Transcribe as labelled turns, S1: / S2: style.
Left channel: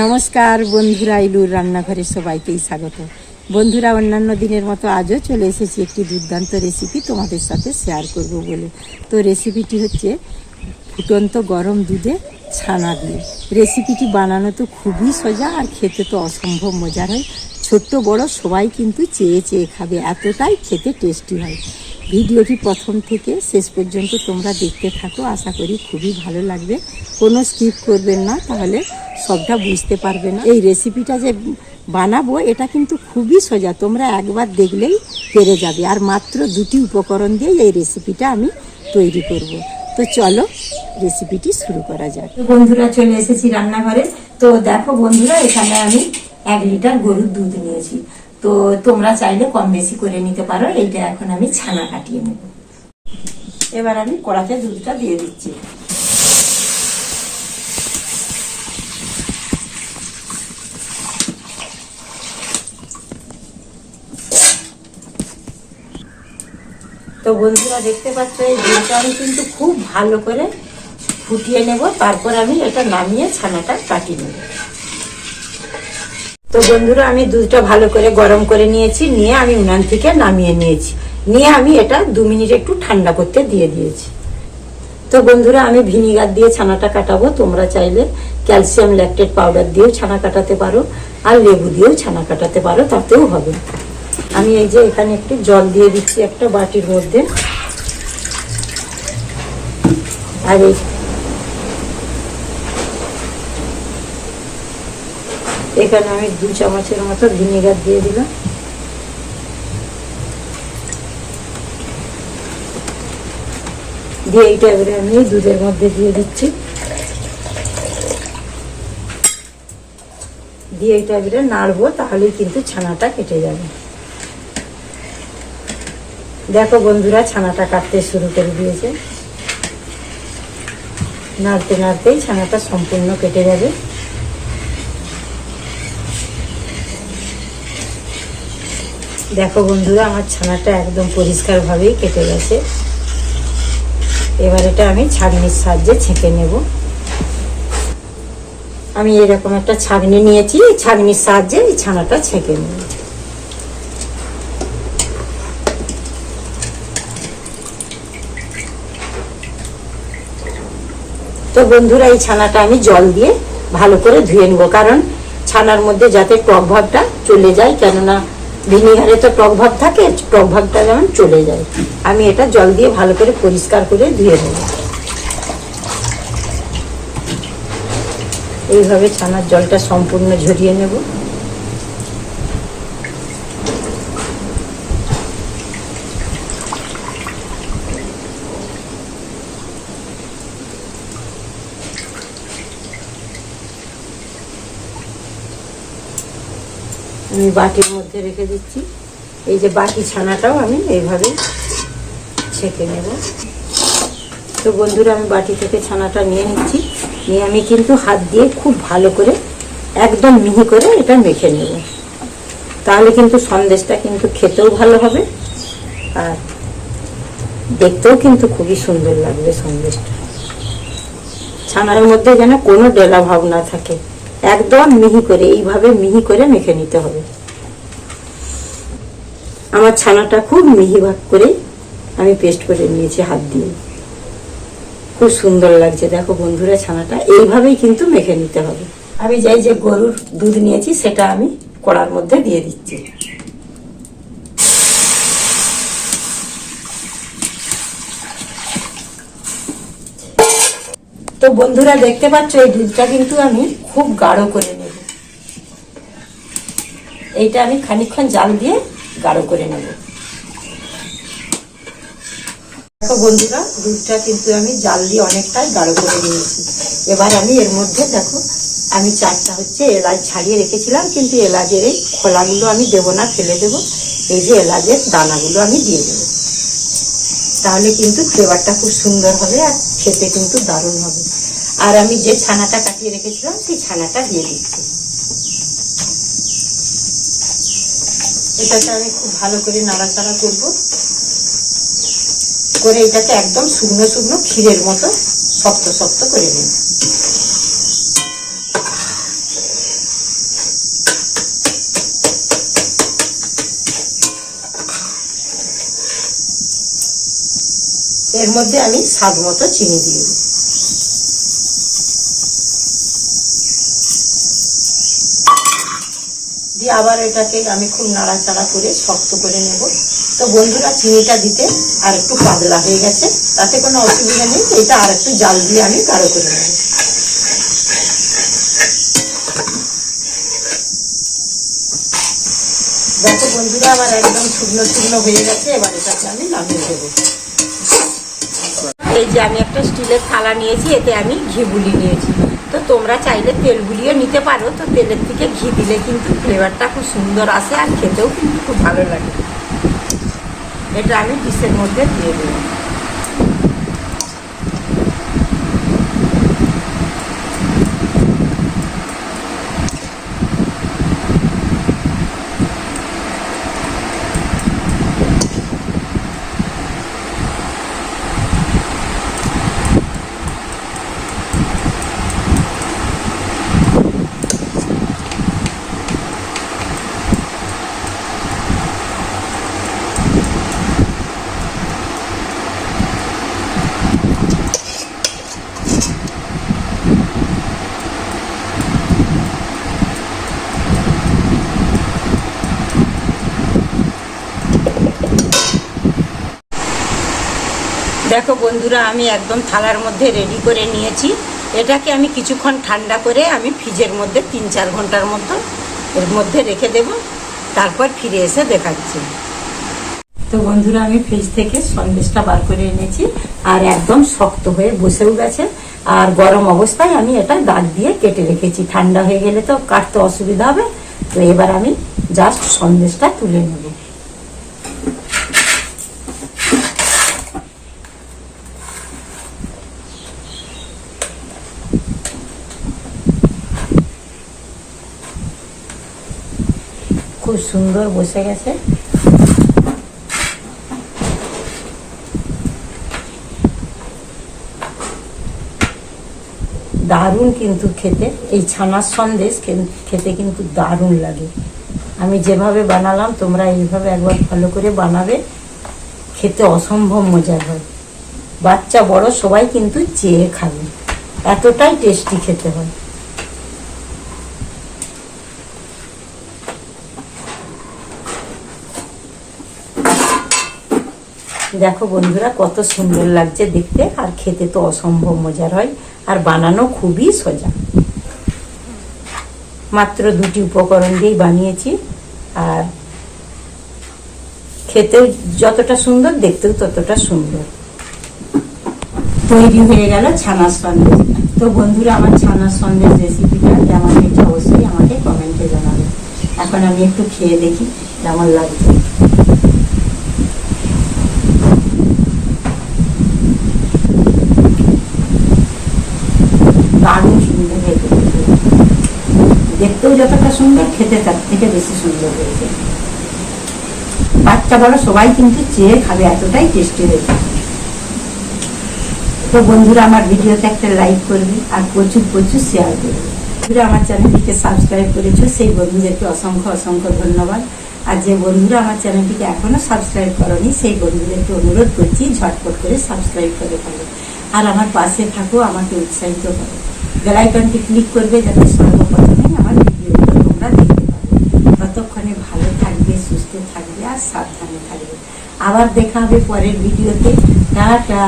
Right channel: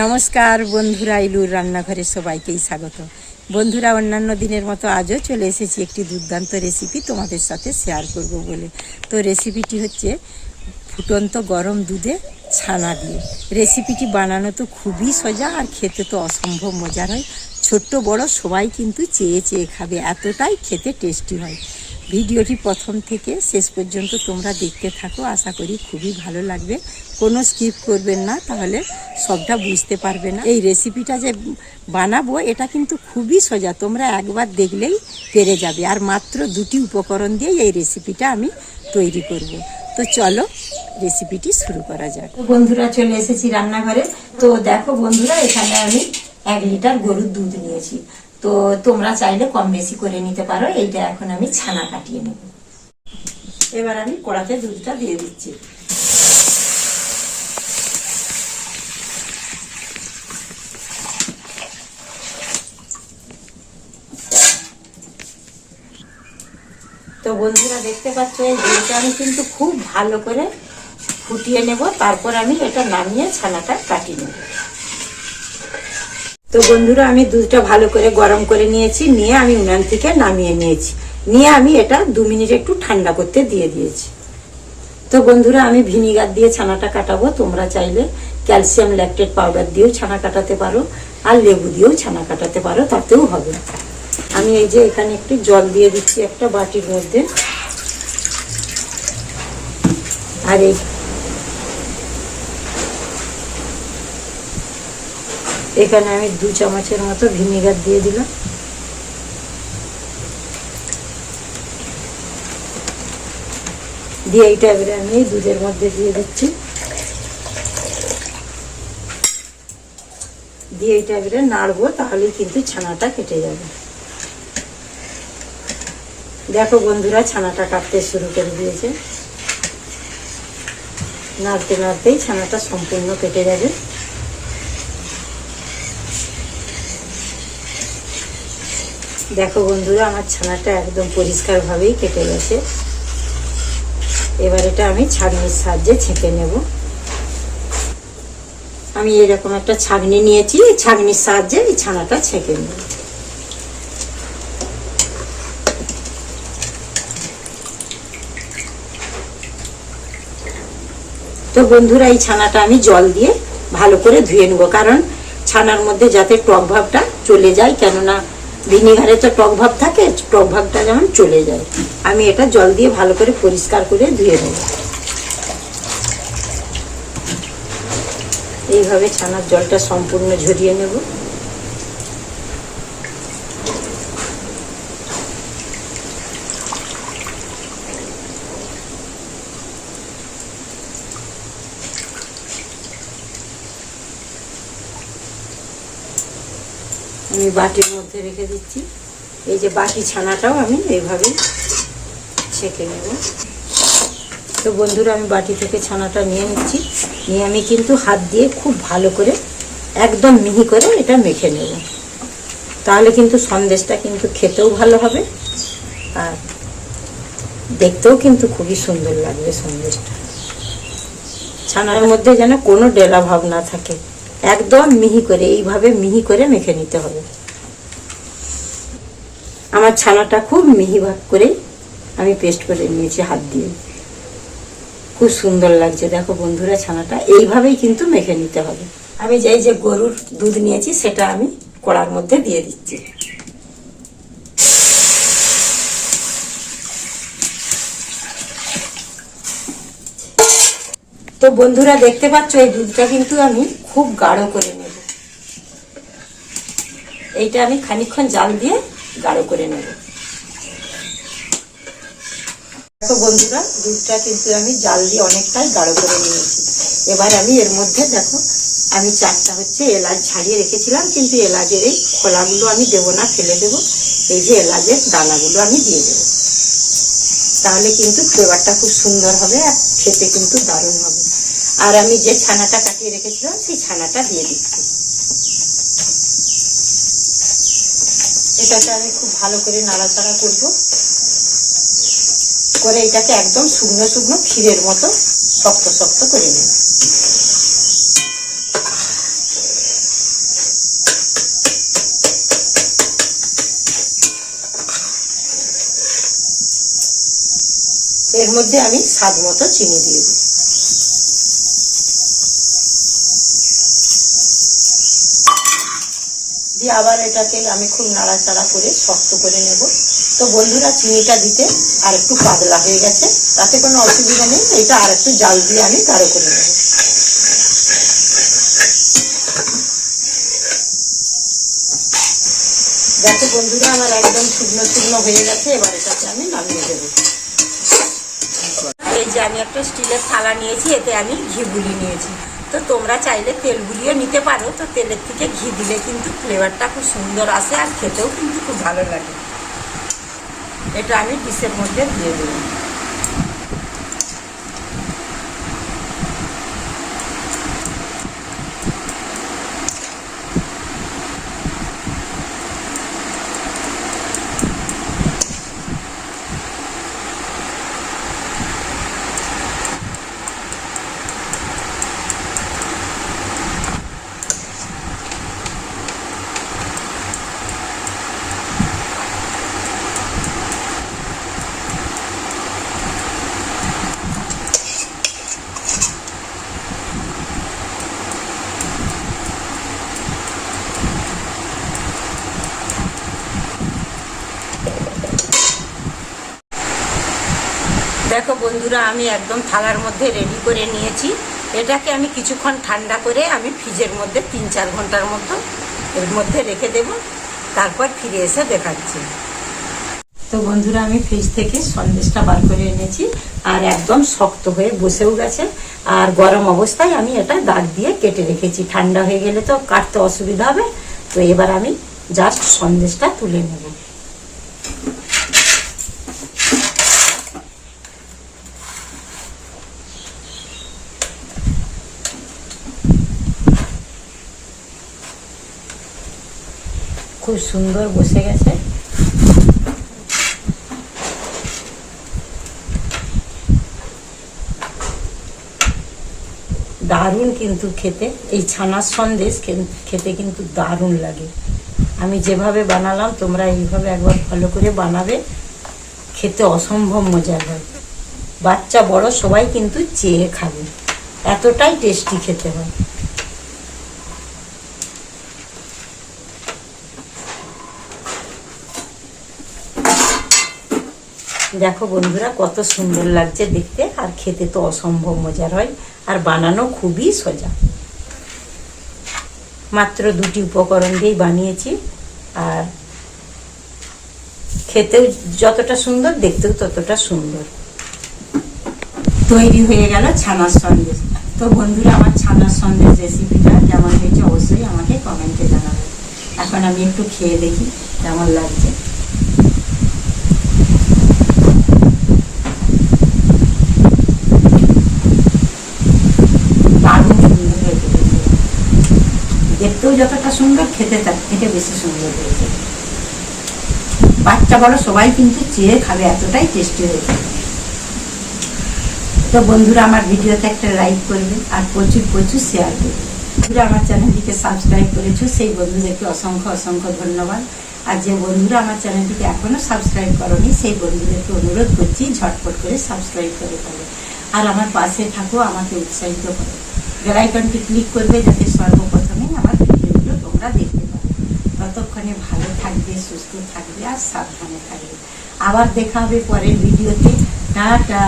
S1: নমস্কার বন্ধুরা, ইলুর রান্নাঘরে সবাইকেই স্বাগত। বন্ধুরা, অন্যান্য দিনের মতো আজও চলে এসেছি একটি দুর্দান্ত রেসিপি তোমাদের সাথে শেয়ার করব বলে। তো রেসিপিটি হচ্ছে ফুটন্ত গরম দুধে ছানা দিয়ে। রেসিপিটি বানানো তো খুবই সোজা আর খেতে তো অসম্ভব মজার হয়। ছোট্ট বড় সবাই কিন্তু চেয়ে চেয়ে খাবে, এতটাই খেতে টেস্টি হয়। ভিডিওটি প্রথম থেকে শেষ পর্যন্ত তোমরা দেখতে থাকো। আশা করি খুবই ভালো লাগবে। কোনো স্কিপ করবেন না, তাহলে সবটা বুঝতে পারবে না। এই রেসিপিটা যে বানাবো, এটা কিন্তু খুবই সোজা। তোমরা একবার দেখলেই পেরে যাবে। আর মাত্র দুটি উপকরণ দিয়ে এই রেসিপিটা আমি তৈরি করব। তো চলো রেসিপিটি শুরু করা যাক। বন্ধুরা, চলে এসেছি রান্নাঘরে। তো দেখো বন্ধুরা, এখানে আমি এক লিটার গরুর দুধ নিয়েছি। তো তোমরা চাইলে কম বেশি করে নিতে পারো। এইটা এখন আমি ছানা কাটিয়ে নেব। এবার আমি কড়াতে দুধটা দিয়ে দিচ্ছি। তো বন্ধুরা, দেখতে পাচ্ছ, এই দুধটা আমি কিন্তু খুব ভালো করে ফুটিয়ে নেব। তারপর আমি এটা নামিয়ে ছানাটা কাটিয়ে নেব। তো বন্ধুরা, আমি দুধটা ভালো করে গরম করে নিয়েছি, নিয়ে আমি উনান থেকে নামিয়ে নিয়েছি। নিয়ে আমি এটা দু মিনিট একটু ঠান্ডা করতে দিয়ে দিয়েছি। তো বন্ধুরা, আমি ভিনিগার দিয়ে ছানাটা কাটাবো। তোমরা চাইলে ক্যালসিয়াম ল্যাকটেড পাউডার দিয়েও ছানা কাটাতে পারো, আর লেবু দিয়েও ছানা কাটাতে পারো, তাতেও হবে। আমি এই যে এখানে একটু জল দিয়ে দিচ্ছি একটা বাটির মধ্যে। আর এই এখানে আমি দু চামচের মতো ভিনেগার দিয়ে দিলাম। দিয়ে এইটা এবারে আমি দুধের মধ্যে দিয়ে দিচ্ছি। দিয়ে এটা এবারে নাড়বো, তাহলেই কিন্তু ছানাটা কেটে যাবে। দেখো বন্ধুরা, ছানাটা কাটতে শুরু করে দিয়েছে। নাড়তে নাড়তেই ছানাটা সম্পূর্ণ কেটে যাবে। দেখো বন্ধুরা, আমার ছানাটা একদম পরিষ্কারভাবেই কেটে গেছে। এবার এটা আমি ছাগনির সাহায্যে ছেঁকে নেব। আমি এরকম একটা ছাগনি নিয়েছি ছাগনির সাহায্যে এই ছানাটা ছেঁকে নেব। তো বন্ধুরা, এই ছানাটা আমি জল দিয়ে ভালো করে ধুয়ে নেব, কারণ ছানার মধ্যে যাতে টক ভাবটা চলে যায়, কেননা ভিনিগারে তো টক ভাব থাকে টক ভাবটা যেমন চলে যায়। আমি এটা জল দিয়ে ভালো করে পরিষ্কার করে ধুয়ে নেব। এইভাবে ছানার জলটা সম্পূর্ণ ঝরিয়ে নেব। আমি বাটির মধ্যে রেখে দিচ্ছি। এই যে বাটি ছানাটাও আমি এইভাবে ছেঁকে নেব। তো বন্ধুরা, আমি বাটি থেকে ছানাটা নিয়ে নিচ্ছি। নিয়ে আমি কিন্তু হাত দিয়ে খুব ভালো করে একদম মিহি করে এটা মেখে নেব। তাহলে কিন্তু সন্দেশটা কিন্তু খেতেও ভালো হবে আর দেখতেও কিন্তু খুবই সুন্দর লাগবে সন্দেশটা। ছানার মধ্যে যেন কোনো ডেলা ভাব না থাকে। একদম মিহি করে, এইভাবে মিহি করে মেখে নিতে হবে। আমার ছানাটা খুব মিহি ভাগ করে আমি পেস্ট করে নিয়েছি হাত দিয়ে। খুব সুন্দর লাগছে। দেখো বন্ধুরা, ছানাটা এইভাবেই কিন্তু মেখে নিতে হবে। আমি যাই যে গরুর দুধ নিয়েছি, সেটা আমি কড়ার মধ্যে দিয়ে দিচ্ছি। তো বন্ধুরা দেখতে পাচ্ছ, এই দুধটা কিন্তু আমি খুব গাঢ় করে নেব। এইটা আমি খানিকক্ষণ জাল দিয়ে গাঢ় করে নেব। দেখো বন্ধুরা, দুধটা কিন্তু আমি জাল দিয়ে অনেকটাই গাঢ় করে নিয়েছি। এবার আমি এর মধ্যে দেখো, আমি চারটা হচ্ছে এলাচ ছাড়িয়ে রেখেছিলাম, কিন্তু এলাচের এই খোলাগুলো আমি দেবো না, ফেলে দেবো। এই যে এলাচের দানাগুলো আমি দিয়ে দেবো। তাহলে কিন্তু ফ্লেভারটা খুব সুন্দর হবে আর খেতে কিন্তু দারুণ হবে। আর আমি যে ছানাটা কাটিয়ে রেখেছিলাম, সেই ছানাটা দিয়ে দিচ্ছি। এটাকে আমি খুব ভালো করে নাড়াচাড়া করব। করে এটাকে একদম শুকনো শুকনো ক্ষীরের মতো শক্ত শক্ত করে নিন এর মধ্যে আমি স্বাদ মতো চিনি দিয়ে দিই দিয়ে আবার এটাকে আমি খুব নাড়াচাড়া করে শক্ত করে নেব। তো বন্ধুরা, চিনিটা দিতে আর একটু পাতলা হয়ে গেছে, তাতে কোনো অসুবিধা নেই। এটা আর একটু জাল দিয়ে আমি গাঢ় করে নেব। দেখো বন্ধুরা, আমার একদম শুকনো শুকনো হয়ে গেছে। এবার এটাকে আমি নামিয়ে দেবো। এই যে আমি একটা স্টিলের থালা নিয়েছি, এতে আমি ঘি গুলি নিয়েছি। তো তোমরা চাইলে তেল গুলিয়ে নিতে পারো, তো তেলের থেকে ঘি দিলে কিন্তু ফ্লেভারটা খুব সুন্দর আসে আর খেতেও কিন্তু খুব ভালো লাগে। এটা আমি ডিশের মধ্যে দিয়ে দেবো দেখো বন্ধুরা, আমি একদম থালার মধ্যে রেডি করে নিয়েছি। এটাকে আমি কিছুক্ষণ ঠান্ডা করে আমি ফ্রিজের মধ্যে তিন চার ঘণ্টার মতো এর মধ্যে রেখে দেব। তারপর ফিরে এসে দেখাচ্ছি। তো বন্ধুরা, আমি ফ্রিজ থেকে সন্দেশটা বার করে এনেছি আর একদম শক্ত হয়ে বসেও গেছে। আর গরম অবস্থায় আমি এটা দাগ দিয়ে কেটে রেখেছি। ঠান্ডা হয়ে গেলে তো কাটতে অসুবিধা হবে। তো এবার আমি জাস্ট সন্দেশটা তুলে নেব। খুব সুন্দর বসে গেছে। দারুণ কিন্তু খেতে, এই ছানার সন্দেশ খেতে কিন্তু দারুণ লাগে। আমি যেভাবে বানালাম, তোমরা এইভাবে একবার ভালো করে বানাবে, খেতে অসম্ভব মজার হয়। বাচ্চা বড়, সবাই কিন্তু চেয়ে খাবে। এতটাই টেস্টি খেতে হয়। দেখো বন্ধুরা, কত সুন্দর লাগছে দেখতে, আর খেতে তো অসম্ভব মজার হয়, আর বানানো খুবই সোজা। মাত্র দুটি উপকরণ দিয়েই বানিয়েছি, আর খেতেও যতটা সুন্দর, দেখতেও ততটা সুন্দর। তৈরি হয়ে গেল ছানার সন্দেশ। তো বন্ধুরা, আমার ছানার সন্দেশ রেসিপিটা কেমন হয়েছে অবশ্যই আমাকে কমেন্টে জানাবে। এখন আমি একটু খেয়ে দেখি কেমন লাগছে দারুণ সুন্দর হয়েছে দেখতেও যতটা সুন্দর, খেতে তার থেকে বেশি সুন্দর হয়েছে। বাচ্চা বড়, সবাই কিন্তু চেয়ে খাবে, এতটাই টেস্টি হয়েছে। তো বন্ধুরা, আমার ভিডিওতে একটা লাইক করবে আর প্রচুর প্রচুর শেয়ার করবে। বন্ধুরা, আমার চ্যানেলটিকে সাবস্ক্রাইব করেছ, সেই বন্ধুদেরকে অসংখ্য অসংখ্য ধন্যবাদ। আর যে বন্ধুরা আমার চ্যানেলটিকে এখনও সাবস্ক্রাইব করনি, সেই বন্ধুদেরকে অনুরোধ করছি, ঝটপট করে সাবস্ক্রাইব করে ফেলো। আর আমার পাশে থাকো, আমাকে উৎসাহিত করো। বেলাইকনটি ক্লিক করবে, যাতে সর্বপ্রথমে আমার তোমরা দেখতে পাবে। ততক্ষণে ভালো থাকবে, সুস্থ থাকবে আর সাবধানে থাকবে। আবার দেখা হবে পরের ভিডিওতে। টাটা!